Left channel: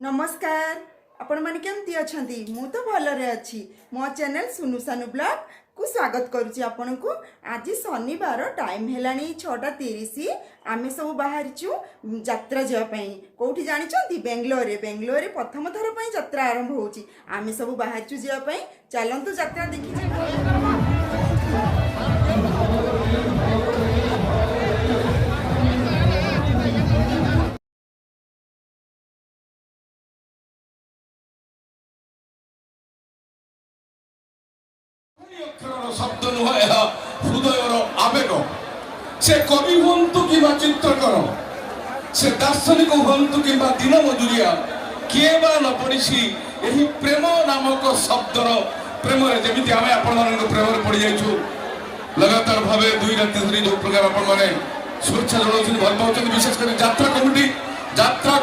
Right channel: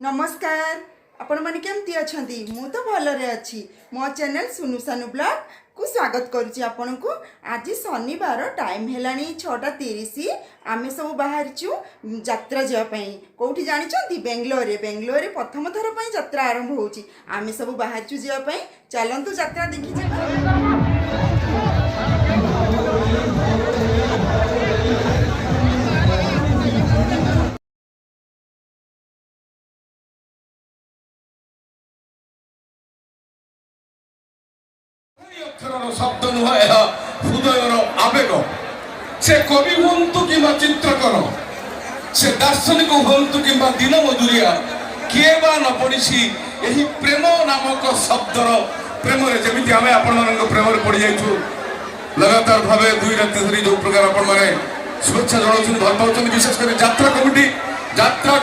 नमस्कार आपण माने केमती अछंती मु तो भलरे अछि मो चैनल सुनु सानु ब्लॉग को स्वागत करूची आपण को। आज शनिवार टाइम हेलानी 6:30 आमे सब बाहर छु यात्रा जा पई कोठी जानि छंती बेंगलोर प्रथम थर पई यात्रा आरंभ होची। आमे सब बाहर छु जा पई चलंतु यात्रा देखि जे। शब्द नुह हृदयर आवेग से कवि हूँ कि चित्रकर से दार्शनिक हूँ कि दिन मधुरिया किए बा न पड़ी यही प्रेम नामक शब्दर प्रेम जमी आम आपण प्रेम पड़ जाइु लगातार भाव 2 राति धरी जो प्रकार आपण शुभेच्छा जनाऊँ भल पाँच विशेषकर यात्रा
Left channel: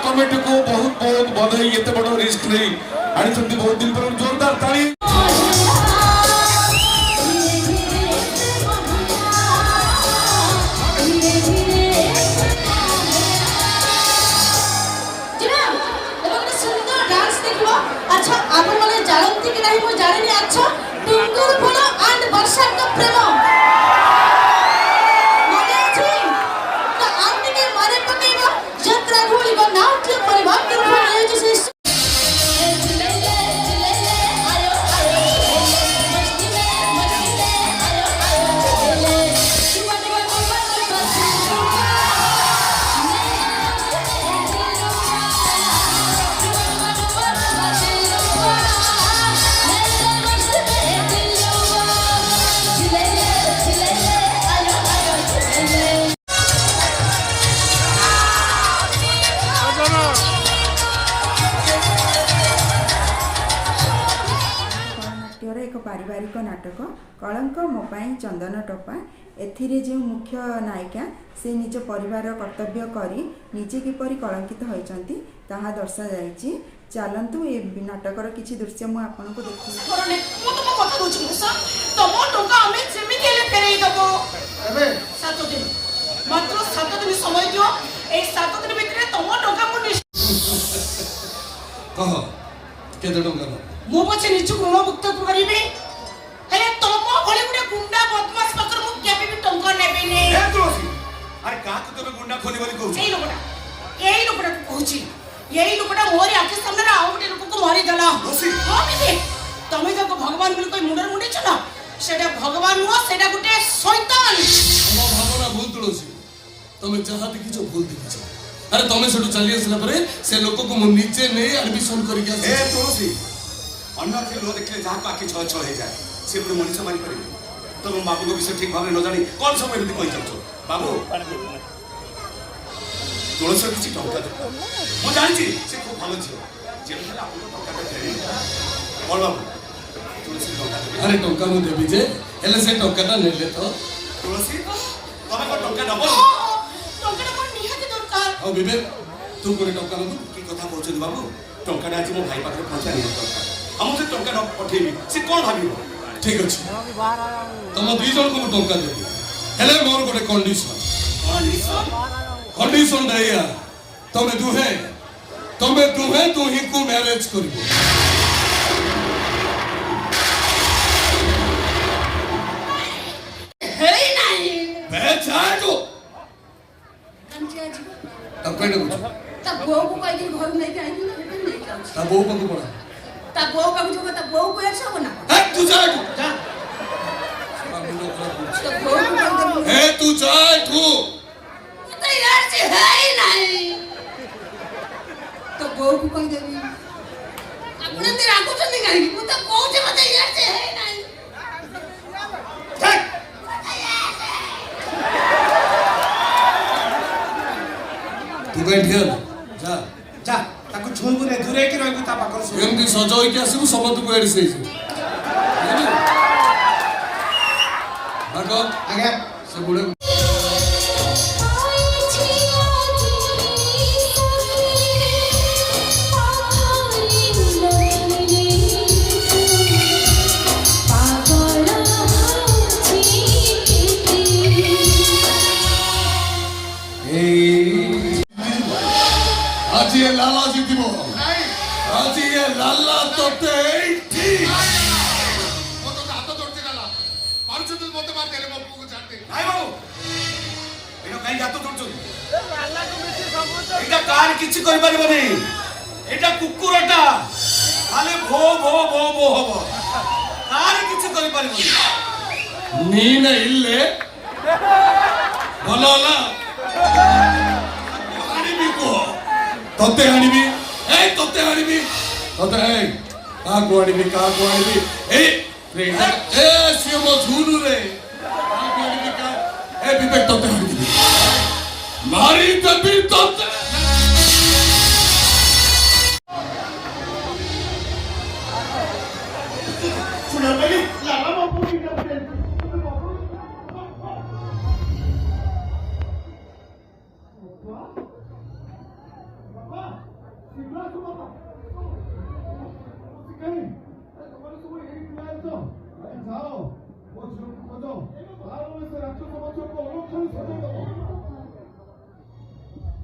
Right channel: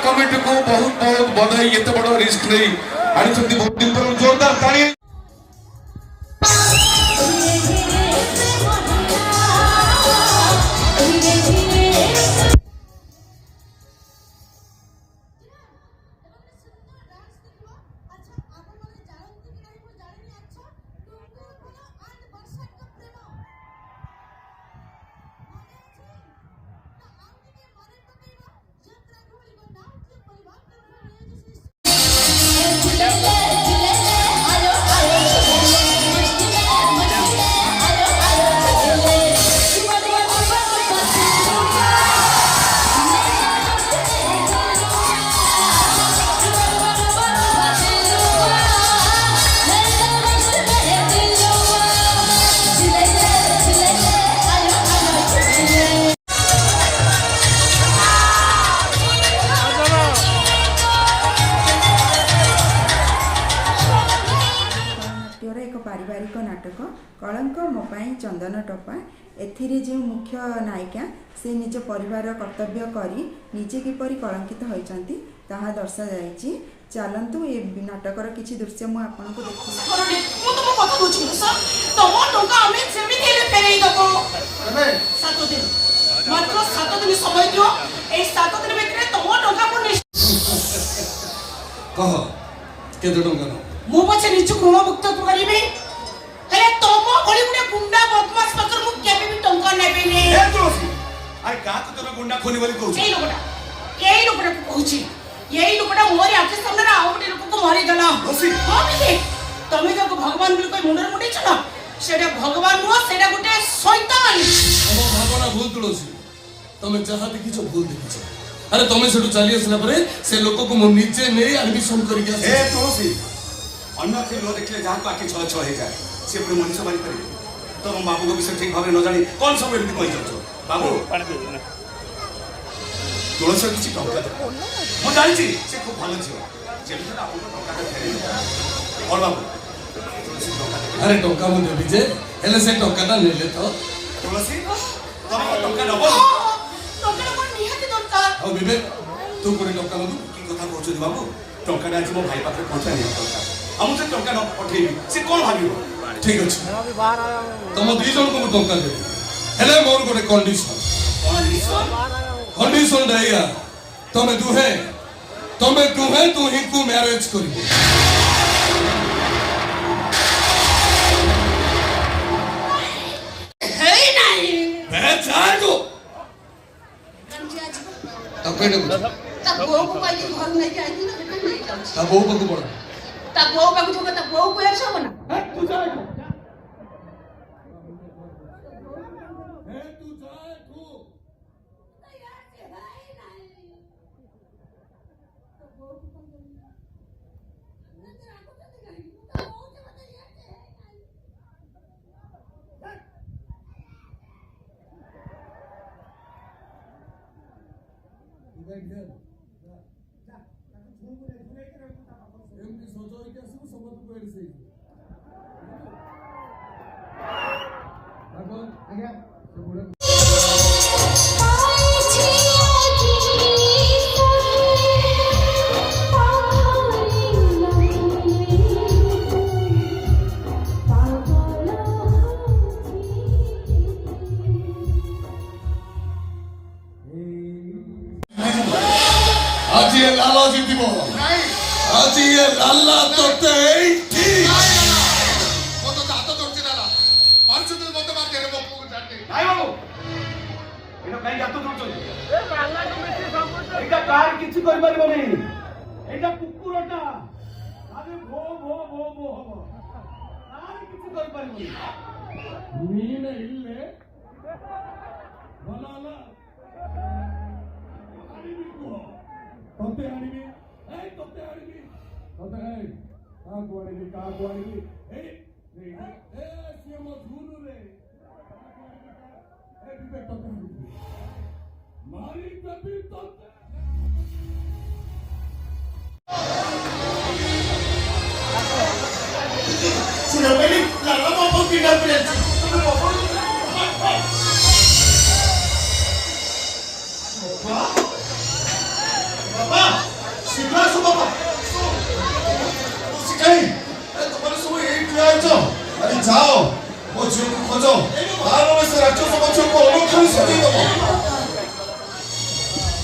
कमिटी को बहुत बहुत बधाई एत बड़ रिस्क नहीं आनी बहुत दिन पर जोरदार ताली। एक पारिवारिक नाटक कलंक मो पाई चंदन टपा एथिरे जो मुख्य नायिका से निज परिवार कर्तव्य करी निजे किपरि कलंकित होइचंती ताहा दर्शा जायछि। चलंतु ए नाटकर किछि दृश्य मु आपन को देखि मात्र 7 दिन समय दियो ए 7 दिन भितरे तमो टंका को कह केते टंका मु पछे निचु ऋण मुक्त करिबे हेले तमो भली गुडे गुंडा बदमाश पत्र मु केबे भी टंका नेबे ने ए दोसी आइ का को तमे गुंडा खोली बोली कहू एई लोकटा को कहूची एई लोकटा मोर आके सामने आ गुडे लोक को मारी देला दोसी हां तमे जब भगवान बोली कोई मुंडर मुंडी छ ना सेटा भगवान नो सेटा गुटे शैतान भगवान भूल तोसी तमे जहा देखि जो भूल देखि छ अरे तमे सेटु चली आसला परे से लोक को मु नीचे नै एडमिशन करि के ए दोसी अन्य के लोग देखले जहाँ को आखि छ हो जाए से पुणी मनुष्य मारी पारे तो बाबू को विषय ठीक भाव न जानी कौन सब एमती कही चलছো बाबू तुलसी किसी टंका मु जानी से खूब भल झील जेमती आपको टंका फेरे बोल अरे टंका मु देबी जे हेले से टंका नेले तो तुलसी तम टंका दबो टंका मोर निहाती दरकार ओ विवेक तू कोन टंका न की कथा कहछ बाबू टंका आज मो भाई पाखे पहुंचा नहीं हमसे टंका न पठेबी से कोन भाबिबो ठीक अछि तम दी जन को टंका दे हेले मोर गोटे कंडीशन रहया तमे दुहे तू ही को मैरिज करिबो हे नहीं है जागो हम जी आज तब कोई न तब गो को कोई दिन घर नहीं के आई ना बेटा नहीं के तब वो पक पड़ा तब गो का जो तब गो को ऐसा बना हट तू जागो जा तब गो को ए तू जागो तो यार से है ही नहीं तो गो को कोई देवी अपने तेरा को तो नहीं करेगी वो तब गो से मत यार से है ही नहीं तू बैठ गया जा जा ताको छोइबु रे दूरे के रहबु ता पाकर एमती सजो के आसबु समत को एडी सही आगो आगे से बुले आज ये लाला जी दिबो ଆଜି ଏ ଲାଲା ତୋତେ ଏଇଠି ମୋତେ ତ ହାତ ଧରୁଛି ନା ପାରୁଛୁ ତୁ ମୋତେ ମାରିଦେଲେ ମୋ ପୁଅକୁ ଛାଡ଼ି ନାଇଁ ବାବୁ ଏଇଟା କାହିଁକି ହାତ ଧରୁଛନ୍ତି ଏଇଟା କାହାର କିଛି କରିପାରିବନି ଏଇଟା କୁକୁରଟା ଖାଲି ଭୋ ଭୋ ଭୋ ଭୋ ହବ କାହାର କିଛି କରିପାରିବନି ನೀನೇ ಇಲ್ಲೇ ଭଲ ହେଲା ଆଣିବି କୁହ ତତେ ଆଣିବି ତତେ ଆଣିବି ତତେ କାହାକୁ ଆଣିବି ଏଇ ସିଏ ମୋ ଝୁଲୁରେ କାହାକୁ ଆଣିବି ବିବେକ ତତେ ଆଣିବି ମାରିଦେବି ତତେ ଯାଅ ମୋ ଝିଅକୁ ଖୋଜ ତାର ସେ ରାକ୍ଷସ ପଛକୁ ଅନୁଖାଳି ସଜେଇ ଦବ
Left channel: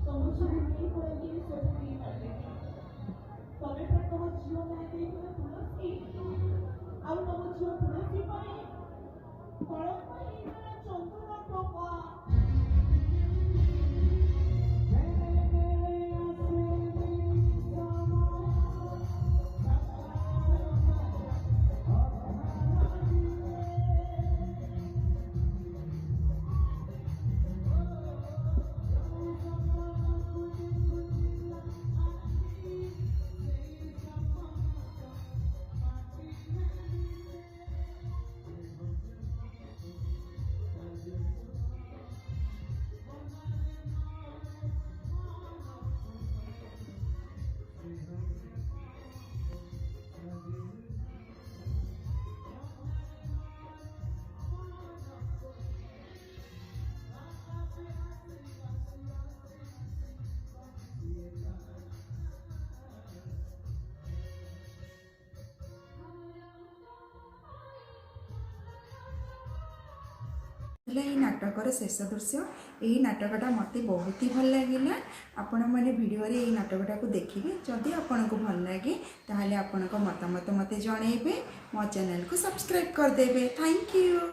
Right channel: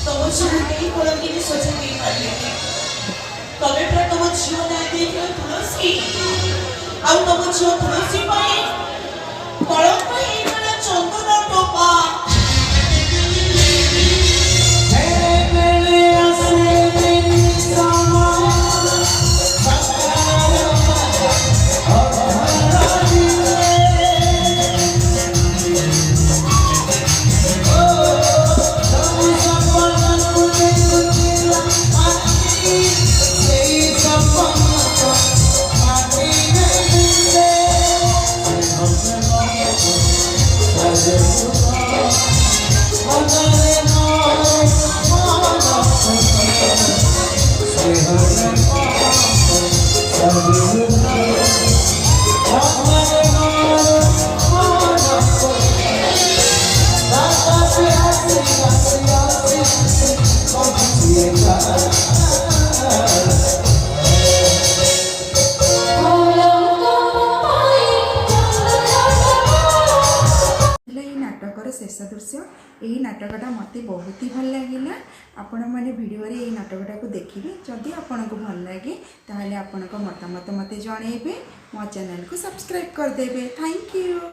ତମ ଝିଅ କେହି କଳଙ୍କିରେ ସଜେଇ ଦେଇପାରିବେନି ତମେ ପୁରା ତମ ଝିଅ ନାଁ ଦେଇଥିଲ ତୁଳସୀ ଆଉ ତମ ଝିଅ ତୁଳସୀ ପାଇଁ କଳଙ୍କ ହେଇଗଲା ଚନ୍ଦନ ଟୋପା नाटकर शेष दृश्य यही नाटकटा मत बहुत ही भल लगे आपण मैंने भिडियो ये नाटकटा को देखिए जदि आपन को भल लगे ताहले आपण मतामत मत जनइबे मो चैनल को सब्सक्राइब करदेबे थैंक यू।